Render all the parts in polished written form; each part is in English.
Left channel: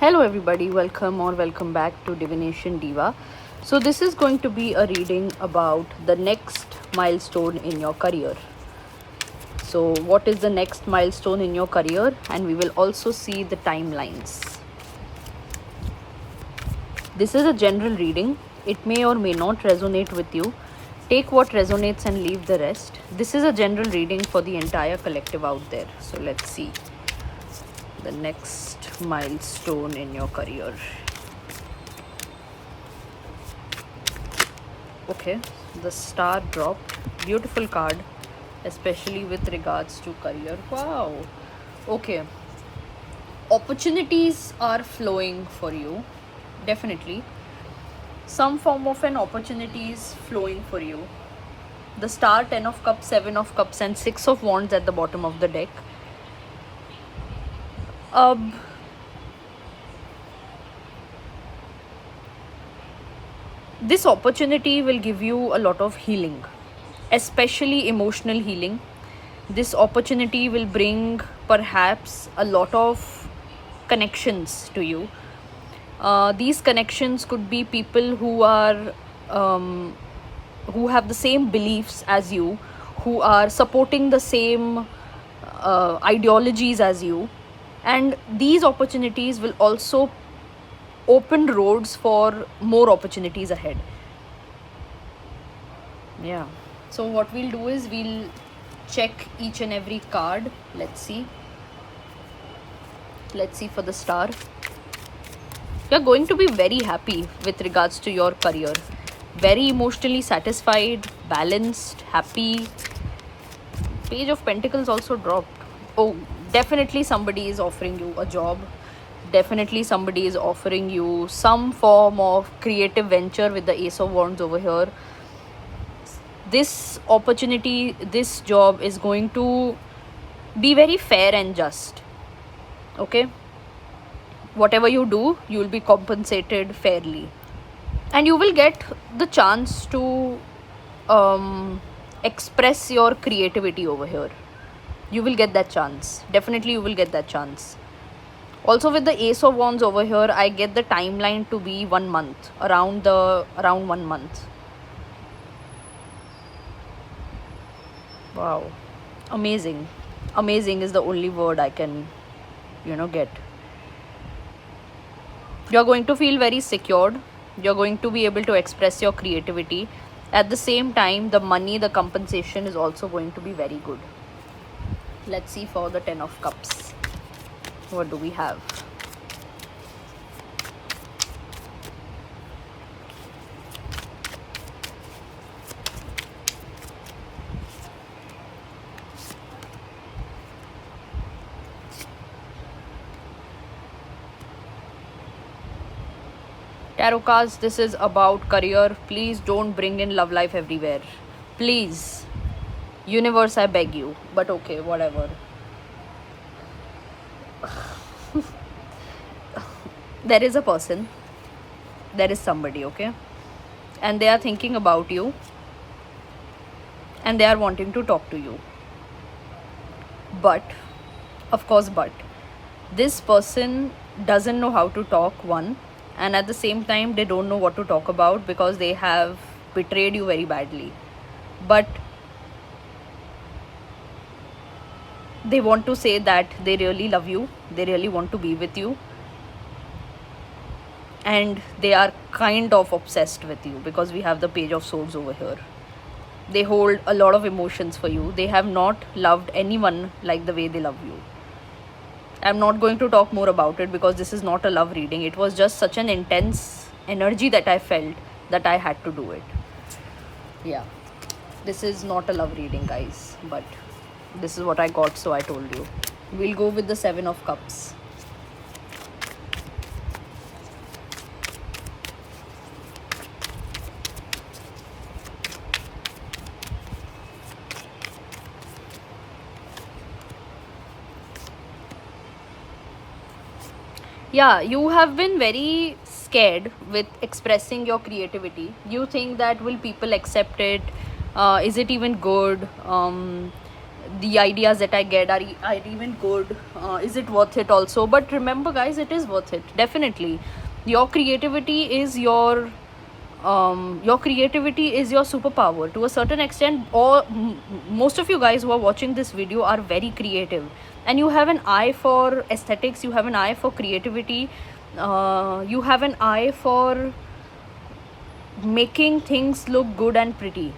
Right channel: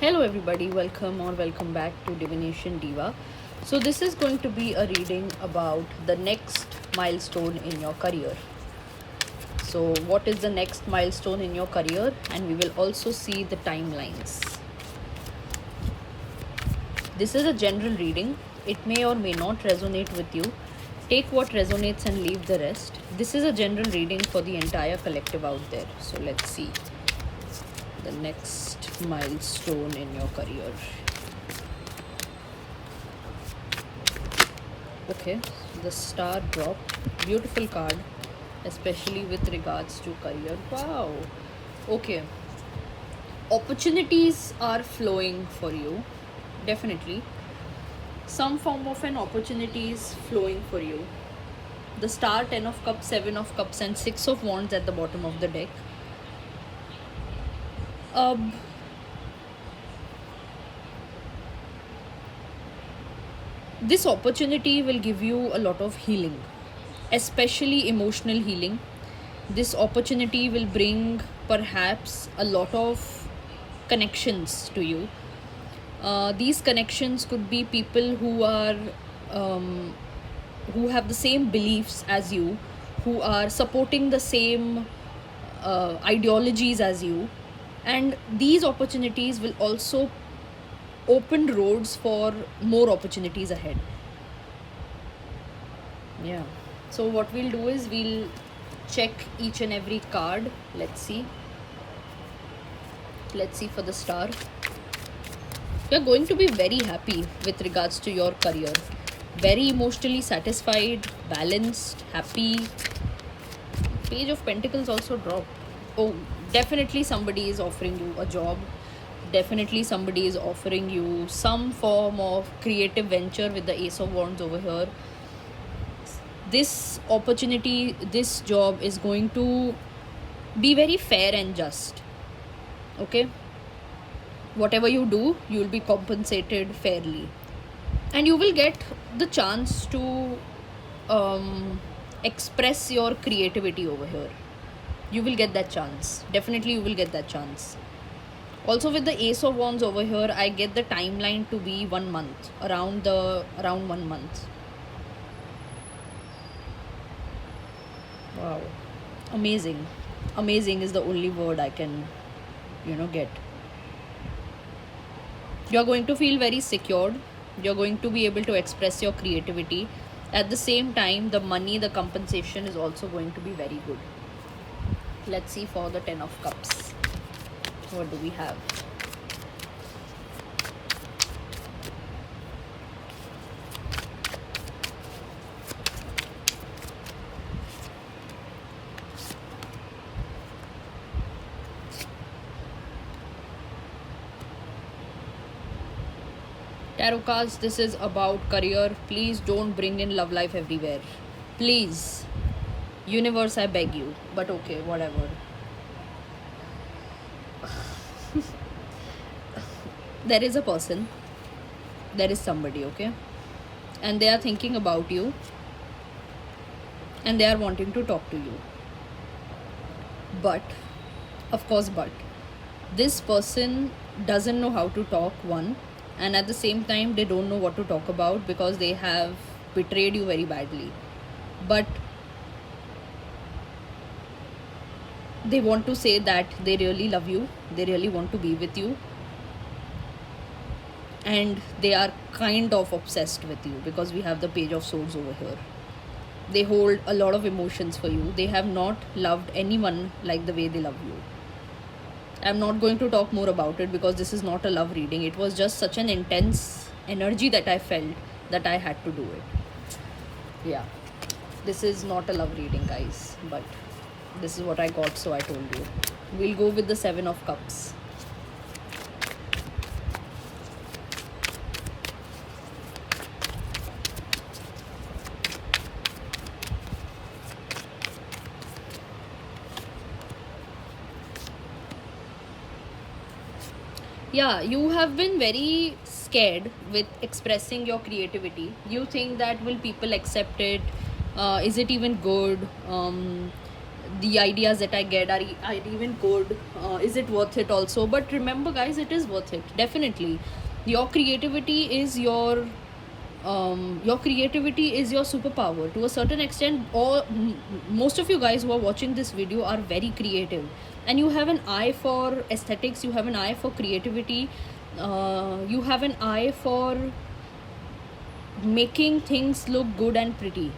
Hello everybody, welcome back to Divination Diva. So this is going to be a reading about the next milestone in your career. So what is the next milestone in your career, and we will also see the timelines. This is a general reading. It may or may not resonate with you. Take what resonates and leave the rest. This is a general reading for the entire collective out there. So let's see the next milestone in your career. Okay, the star drop, beautiful card, especially with regards to career. Wow. Okay, opportunities are flowing for you, definitely. Some form of an opportunity is flowing for you. The star, 10 of cups, 7 of cups, and 6 of wands at the bottom of the deck. This opportunity will give you a lot of healing, especially emotional healing. This opportunity will bring perhaps a lot of connections to you. These connections could be people who are who have the same beliefs as you, who are supporting the same ideologies as you, and these opportunities will also open roads for more opportunities ahead. Yeah, so what we'll do is we'll check each and every card. Let's see for the star. You're going to be very happy with regards to your career, very emotionally satisfied, balanced, happy. Page of Pentacles also dropped. Oh, definitely somebody is offering you a job. Definitely somebody is offering you some form of creative venture with the Ace of Wands over here. This opportunity, this job is going to be very fair and just. Okay? Whatever you do, you will be compensated fairly. And you will get the chance to express your creativity over here. You will get that chance. Definitely you will get that chance. Also with the Ace of Wands over here, I get the timeline to be 1 month, around 1 month. Wow, amazing. Amazing is the only word I can get. You're going to feel very secured. You're going to be able to express your creativity. At the same time, the money, the compensation is also going to be very good. Let's see for the 10 of cups. What do we have? Tarot cards, this is about career. Please don't bring in love life everywhere. Please. Universe, I beg you. But okay, whatever. There is a person. There is somebody, okay? And they are thinking about you. And they are wanting to talk to you. But, of course, this person doesn't know how to talk, one. And at the same time, they don't know what to talk about because they have betrayed you very badly. But they want to say that they really love you. They really want to be with you. And they are kind of obsessed with you because we have the Page of Swords over here. They hold a lot of emotions for you. They have not loved anyone like the way they love you. I'm not going to talk more about it because this is not a love reading. It was just such an intense energy that I felt that I had to do it. Yeah. This is not a love reading, guys. But this is what I got, so I told you. We'll go with the 7 of cups. Yeah, you have been very scared with expressing your creativity. You think that will people accept it? Is it even good? the ideas that I get are even good? Is it worth it also? But remember guys, it is worth it, definitely. Your creativity is your creativity is your superpower to a certain extent. Or most of you guys who are watching this video are very creative, and you have an eye for aesthetics, you have an eye for creativity, you have an eye for making things look good and pretty.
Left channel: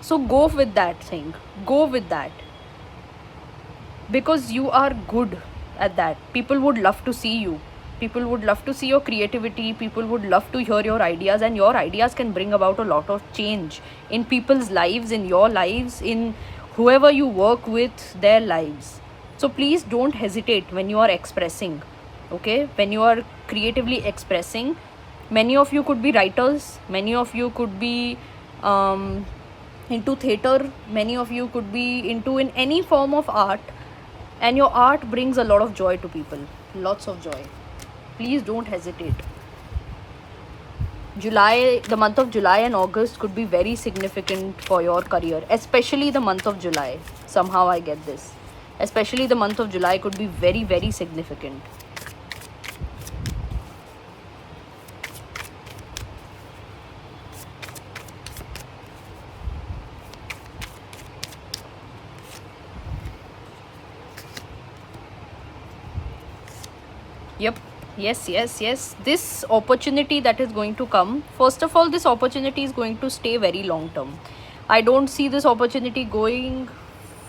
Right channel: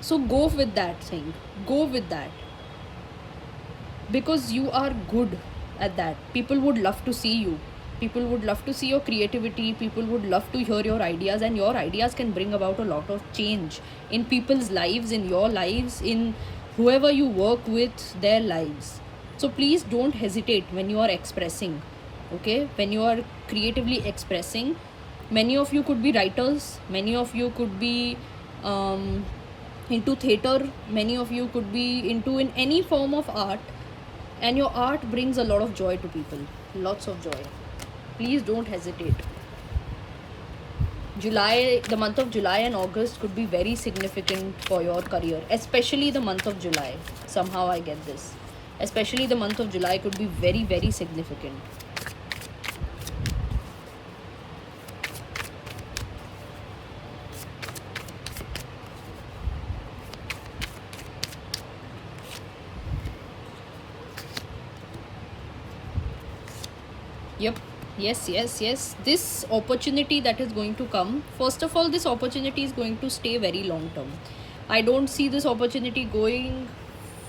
So go with that thing, go with that, because you are good at that. People would love to see you, people would love to see your creativity, people would love to hear your ideas, and your ideas can bring about a lot of change in people's lives, in your lives, in whoever you work with, their lives. So please don't hesitate when you are expressing, okay, when you are creatively expressing. Many of you could be writers, many of you could be into theater, many of you could be into in any form of art, and your art brings a lot of joy to people, lots of joy. Please don't hesitate. July, the month of July and August could be very significant for your career, especially the month of July. Somehow I get this, especially the month of July could be very, very significant. Yep. Yes. This opportunity that is going to come, first of all, this opportunity is going to stay very long term. I don't see this opportunity going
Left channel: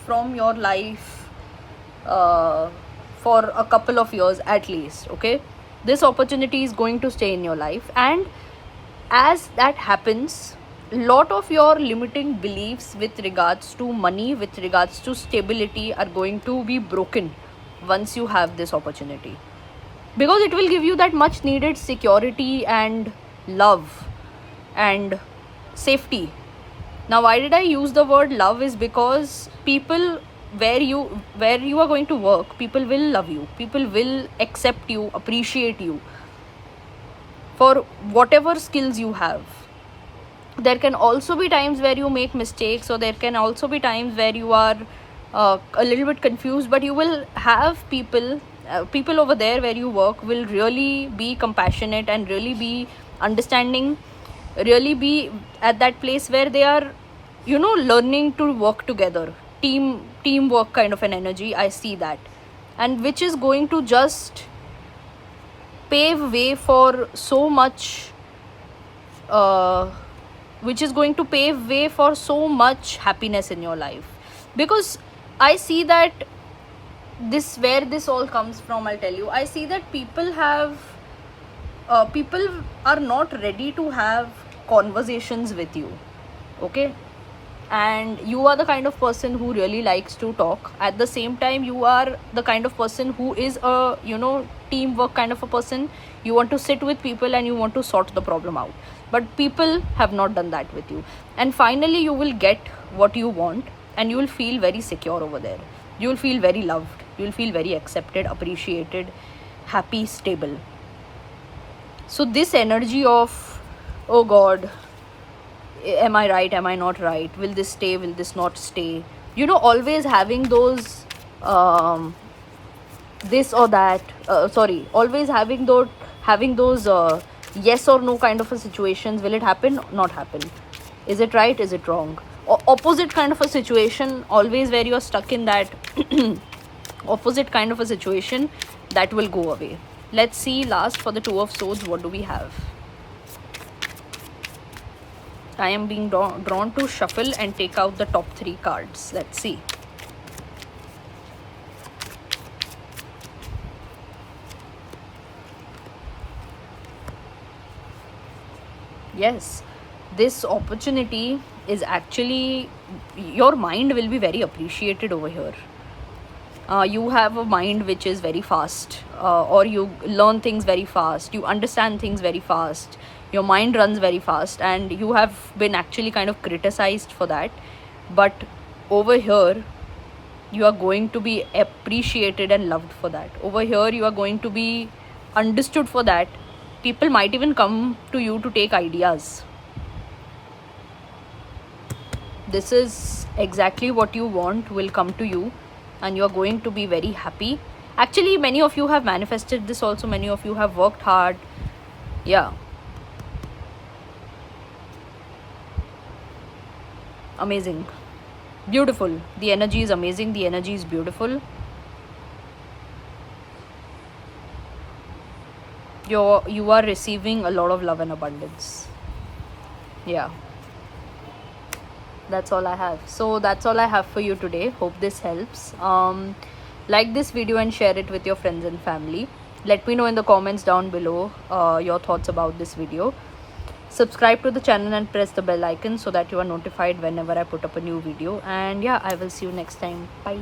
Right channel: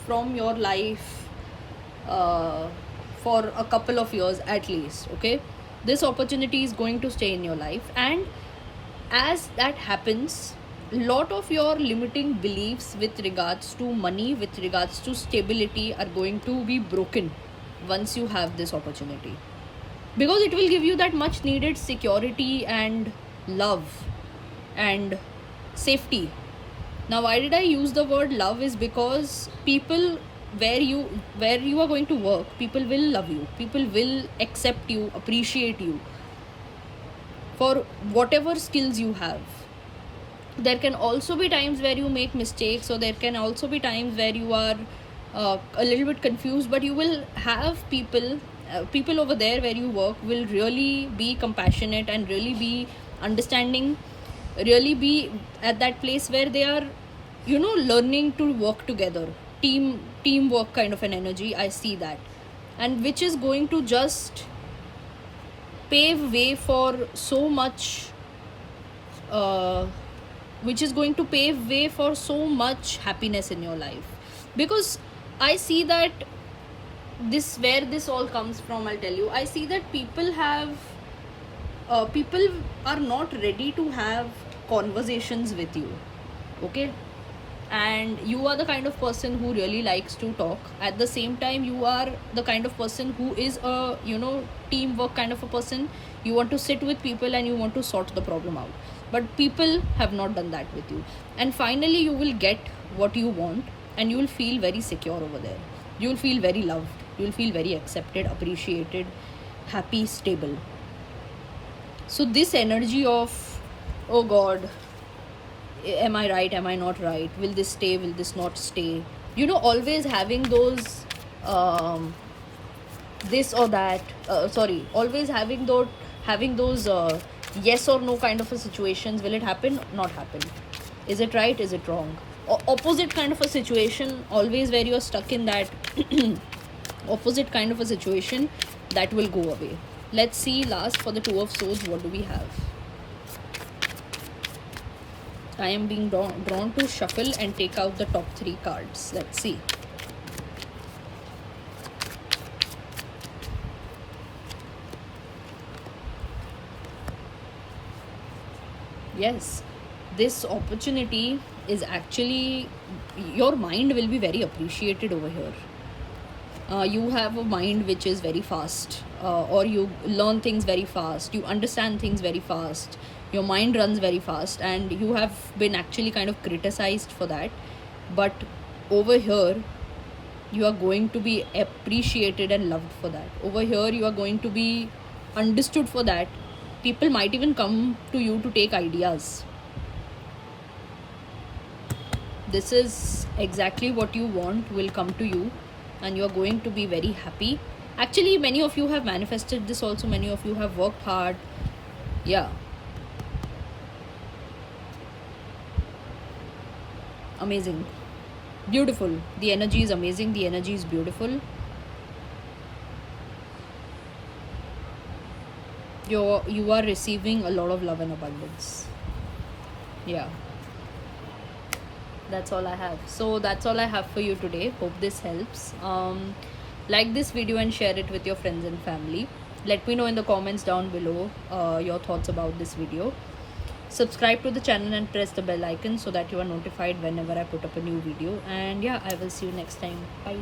from your life for a couple of years at least, okay? This opportunity is going to stay in your life, and as that happens, lot of your limiting beliefs with regards to money, with regards to stability, are going to be broken once you have this opportunity, because it will give you that much needed security and love and safety. Now why did I use the word love is because people, where you are going to work, people will love you, people will accept you, appreciate you for whatever skills you have. There can also be times where you make mistakes, or there can also be times where you are a little bit confused, but you will have people over there where you work will really be compassionate and really be understanding, really be at that place where they are, learning to work together, teamwork kind of an energy. I see that, and which is going to just pave way for so much which is going to pave way for so much happiness in your life. Because I see that this, where this all comes from, I'll tell you, I see that people are not ready to have conversations with you, okay? And you are the kind of person who really likes to talk. At the same time, you are the kind of person who is a teamwork kind of a person. You want to sit with people and you want to sort the problem out, but people have not done that with you. And finally you will get what you want, and you will feel very secure over there. You will feel very loved, you will feel very accepted, appreciated, happy, stable. So this energy of, oh god, am I right, am I not right, will this stay, will this not stay, always having those this or that, always having those yes or no kind of a situations. Will it happen, not happen, is it right, is it wrong, opposite kind of a situation, always where you're stuck in that opposite kind of a situation, that will go away. Let's see last for the Two of Swords, what do we have? I am being drawn to shuffle and take out the top 3 cards. Let's see. Yes, this opportunity is actually, your mind will be very appreciated over here. You have a mind which is very fast, or you learn things very fast, you understand things very fast, your mind runs very fast, and you have been actually kind of criticized for that. But over here you are going to be appreciated and loved for that. Over here you are going to be understood for that. People might even come to you to take ideas. this is exactly what you want will come to you, and you are going to be very happy. Actually, many of you have manifested this also, many of you have worked hard. Yeah, amazing, beautiful. The energy is amazing, the energy is beautiful. You are receiving a lot of love and abundance. Yeah, that's all I have. So that's all I have for you today. Hope this helps. Like this video and share it with your friends and family. Let me know in the comments down below your thoughts about this video. Subscribe to the channel and press the bell icon so that you are notified whenever I put up a new video. And yeah, I will see you next time. Bye.